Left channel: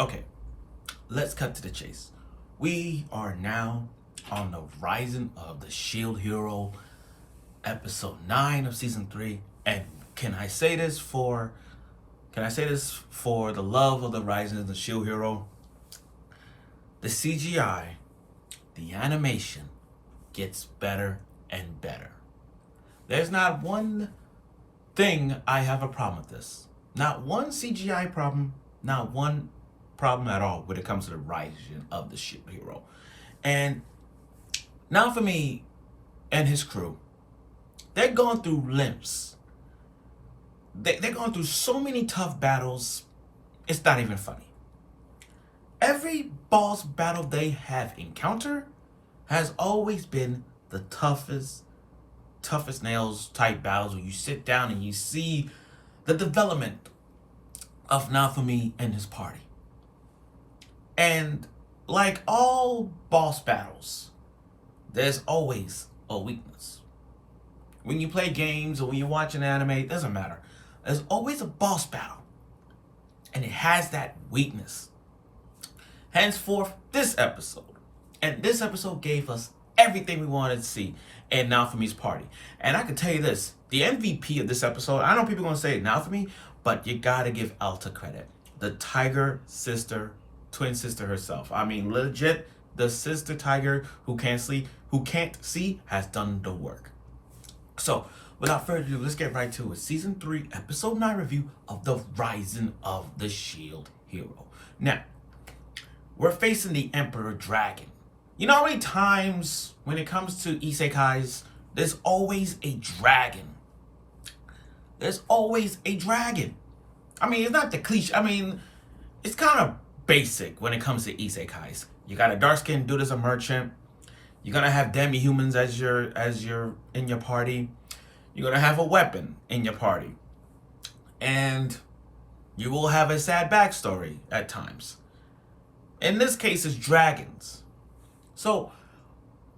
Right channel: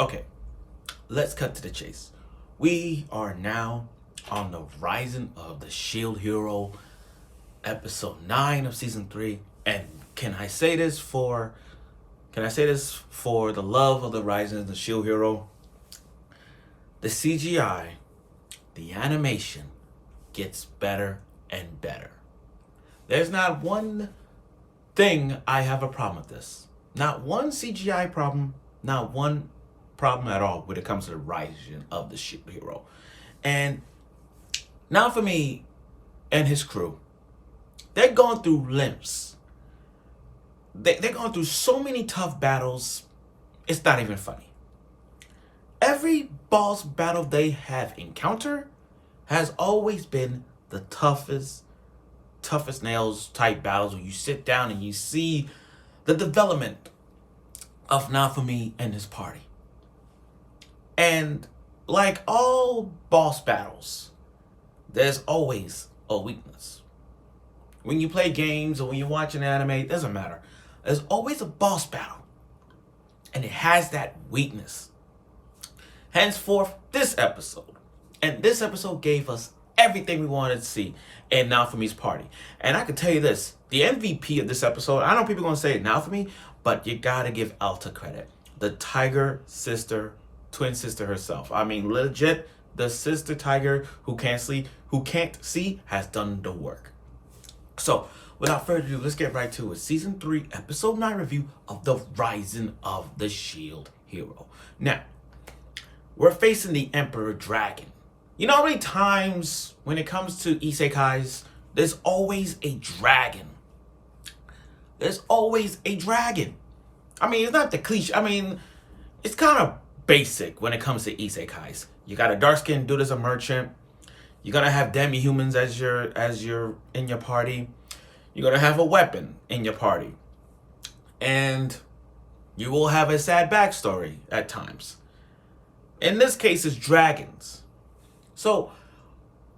Okay, let's cut to the chase. We are now on the Rising of the Shield Hero, episode 9 of season 3. And can I say this for the love of the Rising of the Shield Hero? The CGI, the animation gets better and better. There's not one thing I have a problem with this. Not one CGI problem, not one problem at all when it comes to the Rising of the Shield Hero. And Naofumi and his crew, they're going through limps. They're going through so many tough battles, it's not even funny. Every boss battle they have encountered has always been the toughest nails type battles where you sit down and you see the development of Naofumi and his party. And like all boss battles, there's always a weakness. When you play games or when you watch an anime, it doesn't matter. There's always a boss battle. And it has that weakness. Henceforth, this episode. And this episode gave us everything we wanted to see in Naofumi's party. And I can tell you this, the MVP of this episode, I know people are going to say Naofumi, but you got to give Alta credit. The tiger sister, twin sister herself. I mean, legit, the sister tiger who can't see, has done the work. So, without further ado, let's get right to it. Season 3, Episode 9 review of The Rising of the Shield Hero. Now, we're facing the Emperor Dragon. You know how many times when it comes to isekais, there's always a dragon. There's always a dragon. I mean, it's not the cliche. I mean, it's kind of basic when it comes to isekais. You got a dark-skinned dude as a merchant. You're gonna have demi-humans as your in your party. You're gonna have a weapon in your party. And you will have a sad backstory at times. In this case, it's dragons. So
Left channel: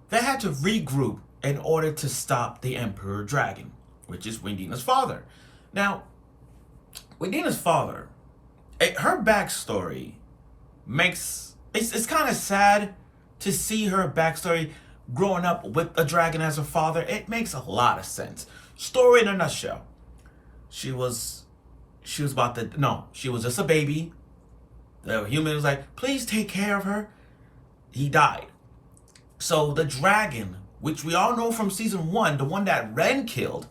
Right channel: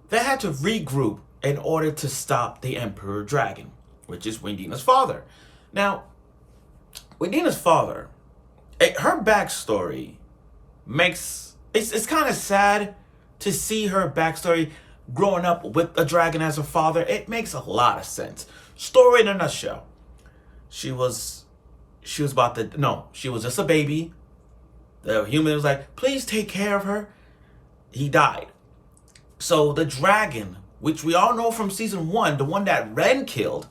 they had to regroup in order to stop the Emperor Dragon, which is Wendina's father. Now, Wendina's father, her backstory it's kind of sad to see her backstory growing up with a dragon as a father. It makes a lot of sense. Story in a nutshell. She was just a baby. The human was like, please take care of her. He died. So the dragon, which we all know from season 1, the one that Ren killed,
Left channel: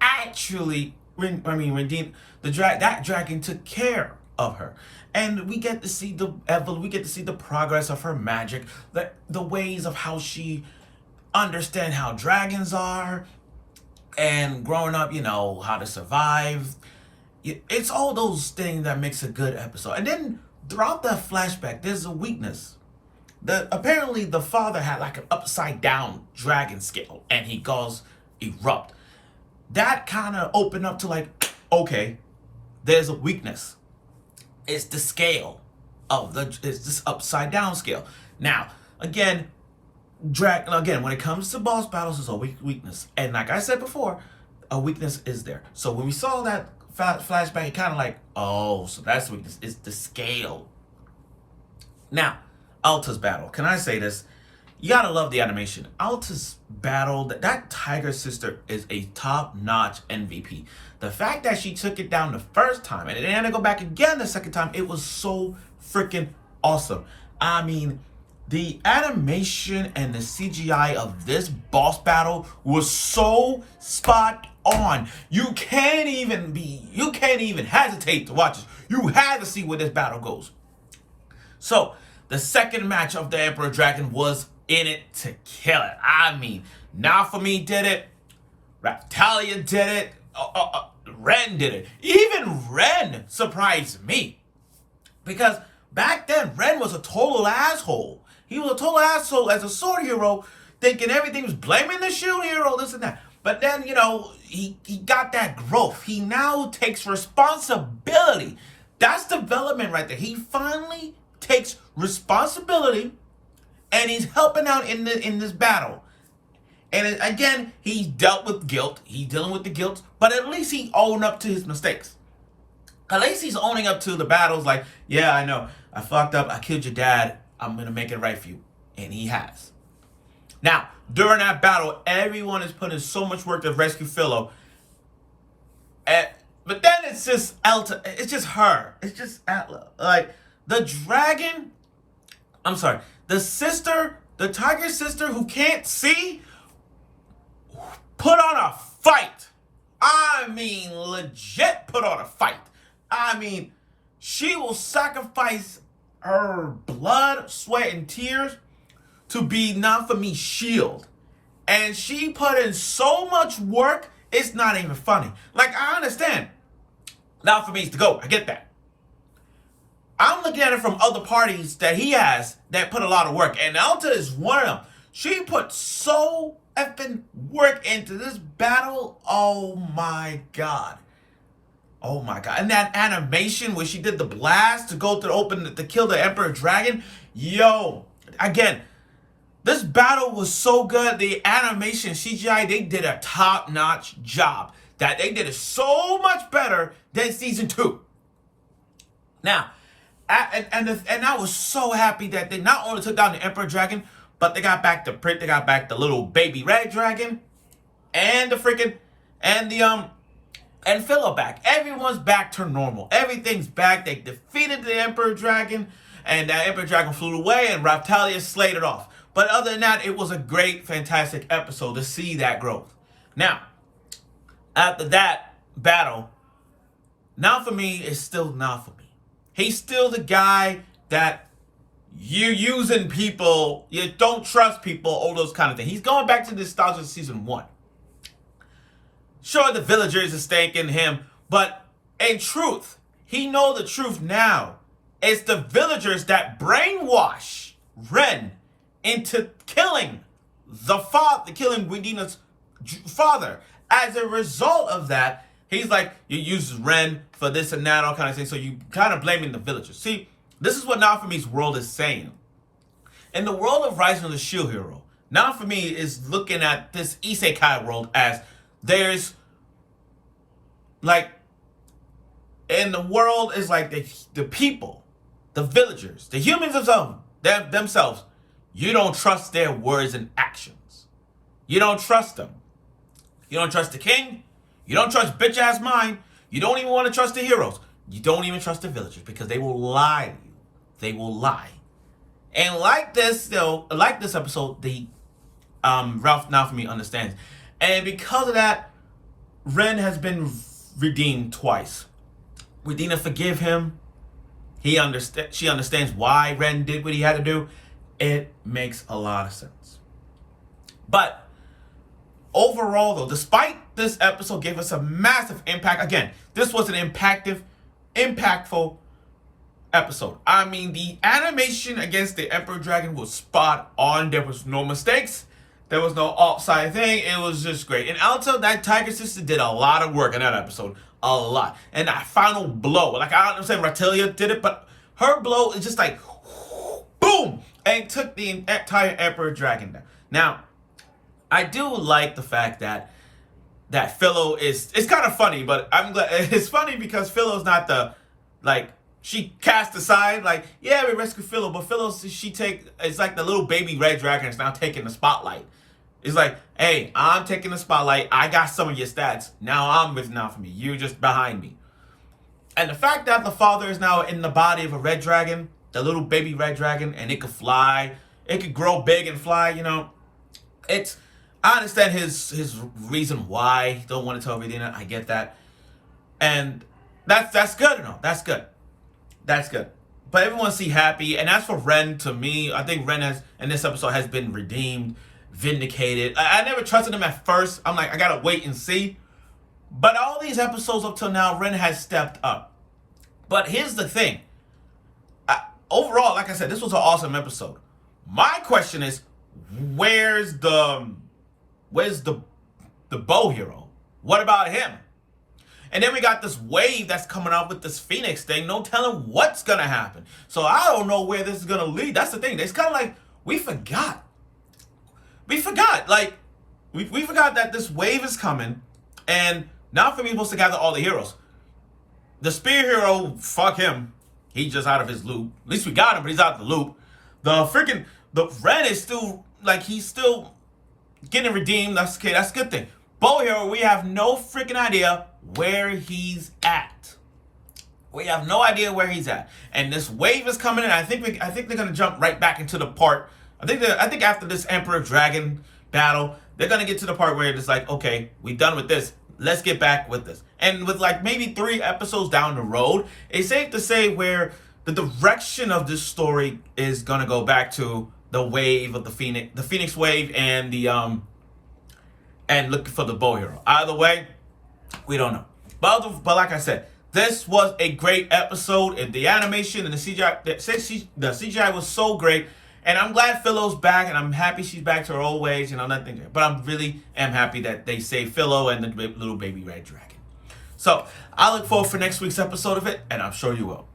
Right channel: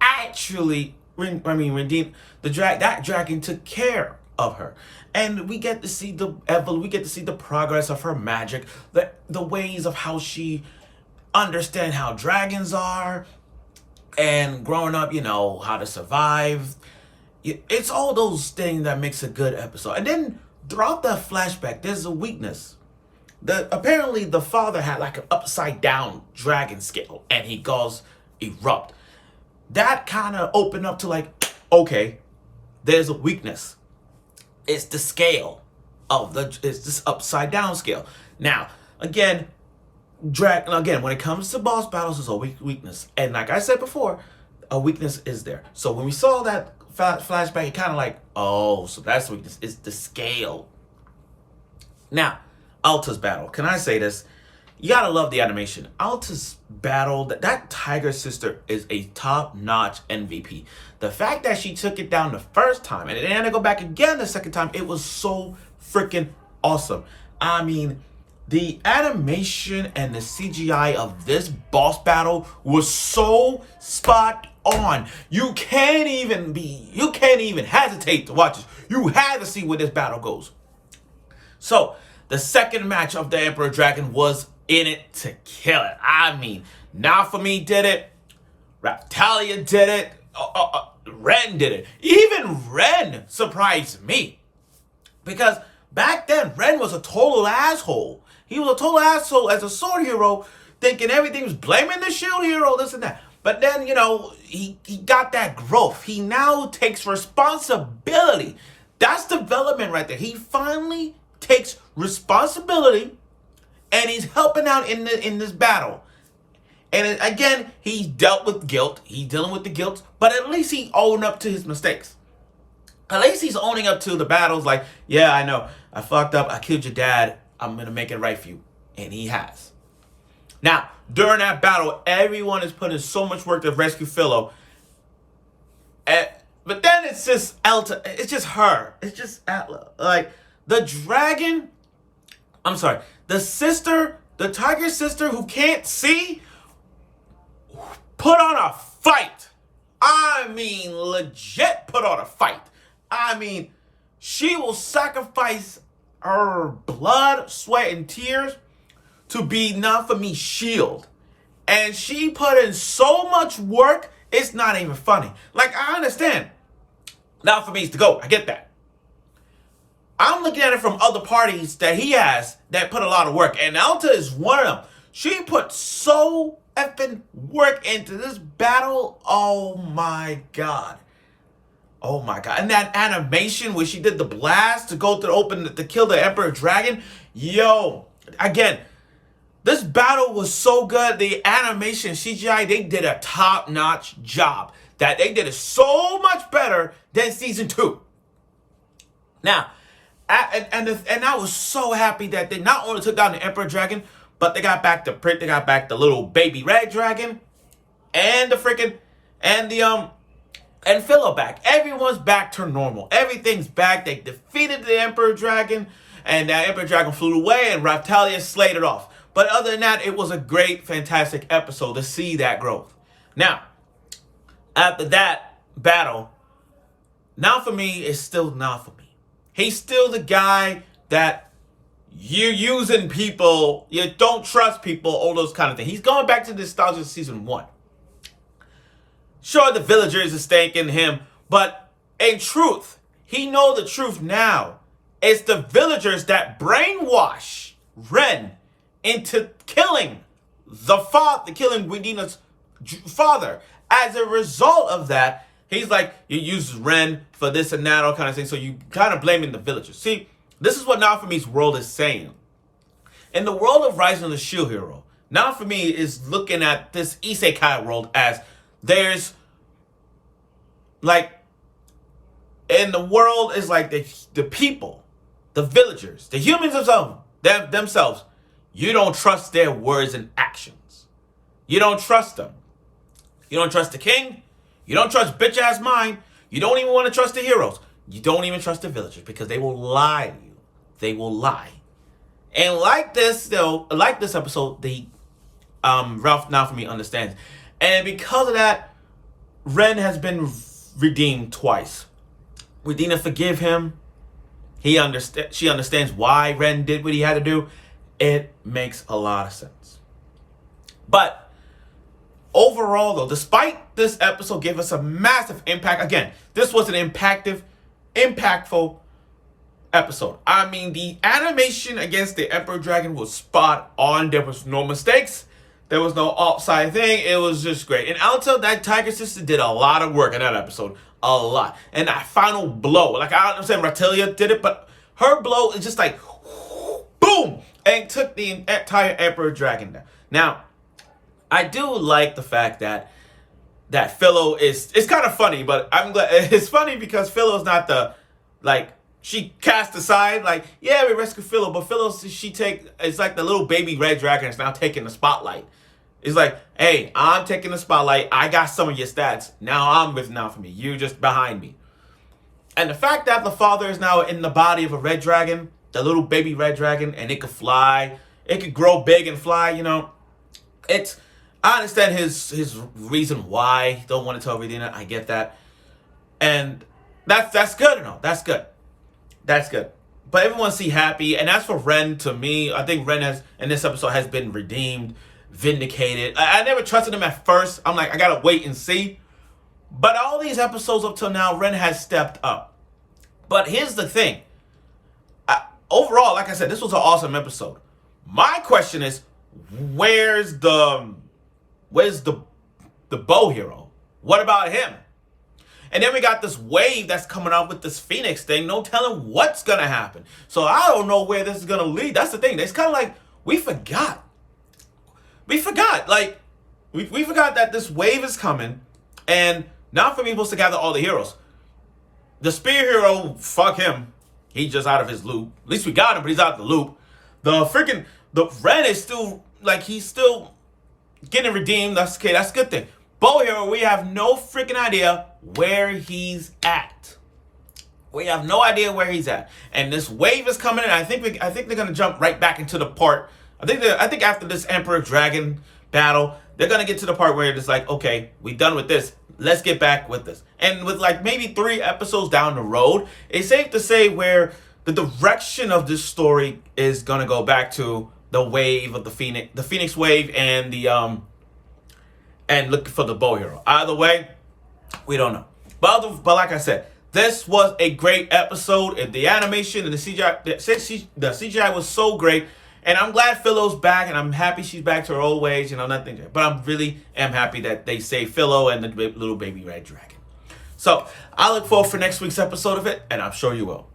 actually, that dragon took care of her. And we get to see the progress of her magic, the ways of how she understands how dragons are, and growing up, how to survive. It's all those things that makes a good episode. And then throughout the flashback, there's a weakness. Apparently the father had like an upside down dragon scale, and he goes erupt. That kind of opened up to like, okay, there's a weakness. It's the scale it's this upside down scale. Now, again, when it comes to boss battles, there's a weakness. And like I said before, a weakness is there. So when we saw that flashback, it kind of like, oh, so that's the weakness. It's the scale. Now, Alta's battle. Can I say this? You gotta love the animation. Alta's battle, that tiger sister is a top-notch MVP. The fact that she took it down the first time and then had to go back again the second time, it was so freaking awesome. I mean, the animation and the CGI of this boss battle was so spot on. You can't even hesitate to watch this. You had to see where this battle goes. So, the second match of the Emperor Dragon was in it to kill it. I mean, Naofumi did it. Raptalia did it. Ren did it. Even Ren surprised me. Because back then, Ren was a total asshole. He was a total asshole as a sword hero, thinking everything was blaming the shield hero, this and that. But then, he got that growth. He now takes responsibility. That's development right there. He finally takes responsibility, and he's helping out in this battle. And again, he's dealt with guilt. He's dealing with the guilt, but at least he owned up to his mistakes. At least he's owning up to the battles. Like, yeah, I know I fucked up. I killed your dad. I'm going to make it right for you. And he has. Now, during that battle, everyone is putting so much work to rescue Philo. But then it's just Elta. It's just her. It's just like the dragon. I'm sorry. The sister, the tiger sister who can't see, put on a fight. I mean, legit put on a fight. I mean, she will sacrifice her blood, sweat, and tears to be Naofumi's shield. And she put in so much work, it's not even funny. Like, I understand. Naofumi's the GOAT. I get that. I'm looking at it from other parties that he has that put a lot of work. And Alta is one of them. She put so effing work into this battle. Oh my God. Oh my God. And that animation where she did the blast to go to open to kill the Emperor Dragon. Yo. Again, this battle was so good. The animation, CGI, they did a top-notch job. That they did it so much better than season 2. Now, and I was so happy that they not only took down the Emperor Dragon, but they got back the little baby red dragon, and the freaking and Philo back. Everyone's back to normal. Everything's back. They defeated the Emperor Dragon, and that Emperor Dragon flew away, and Raptalia slayed it off. But other than that, it was a great, fantastic episode to see that growth. Now, after that battle, Naofumi is still Naofumi. He's still the guy that you're using people, you don't trust people, all those kind of things. He's going back to the nostalgia of season 1. Sure, the villagers are thanking him, but in truth, he knows the truth now. It's the villagers that brainwash Ren into killing killing Widina's father. As a result of that, he's like, you use Ren for this and that, all kind of things. So you kind of blaming the villagers. See, this is what Naofumi's world is saying. In the world of Rising of the Shield Hero, Naofumi is looking at this isekai world as there's like, in the world is like the people, the villagers, the humans themselves. You don't trust their words and actions. You don't trust them. You don't trust the king. You don't trust bitch-ass mine. You don't even want to trust the heroes. You don't even trust the villagers because they will lie to you. They will lie. And like this episode, the Ralph Naofumi understands. And because of that, Ren has been redeemed twice. Widina forgive him. She understands why Ren did what he had to do. It makes a lot of sense. But overall, though, despite this episode gave us a massive impact, again, this was an impactful episode. I mean, the animation against the Emperor Dragon was spot on. There was no mistakes. There was no offside thing. It was just great. And Alta, that tiger sister, did a lot of work in that episode. A lot. And that final blow, like, I understand Raptalia did it, but her blow is just like, boom, and took the entire Emperor Dragon down. Now, I do like the fact that Philo it's kind of funny, but I'm glad it's funny because Philo's not she cast aside, like, yeah, we rescue Philo, but Philo, it's like the little baby red dragon is now taking the spotlight. It's like, hey, I'm taking the spotlight. I got some of your stats. Now I'm with Naofumi. You just behind me. And the fact that the father is now in the body of a red dragon, the little baby red dragon, and it could fly, it could grow big and fly, I understand his reason why he don't want to tell Widina. I get that. And that's good enough. That's good. That's good. But everyone see happy. And as for Ren, to me, I think Ren in this episode has been redeemed, vindicated. I never trusted him at first. I'm like, I gotta wait and see. But all these episodes up till now, Ren has stepped up. But here's the thing. Overall, like I said, this was an awesome episode. My question is, where's the bow hero? What about him? And then we got this wave that's coming out with this Phoenix thing. No telling what's going to happen. So I don't know where this is going to lead. That's the thing. It's kind of like, we forgot. We forgot. Like, we forgot that this wave is coming. And now for me, supposed to gather all the heroes. The spear hero, fuck him. He's just out of his loop. At least we got him, but he's out of the loop. The Ren is still, like, he's still getting redeemed. That's okay. That's a good thing. Bow Hero, we have no freaking idea where he's at. We have no idea where he's at. And this wave is coming in. I think they're gonna jump right back into the part. I think after this Emperor Dragon battle, they're gonna get to the part where it's like, okay, we're done with this. Let's get back with this. And with like maybe 3 episodes down the road, it's safe to say where the direction of this story is gonna go back to the wave of the Phoenix wave, and and looking for the Bow Hero. Either way, we don't know. But like I said, this was a great episode. And the animation and the CGI was so great. And I'm glad Phil's back, and I'm happy she's back to her old ways, nothing. But I really am happy that they saved Philo and the little baby red dragon. So I look forward for next week's episode of it, and I'm sure you will.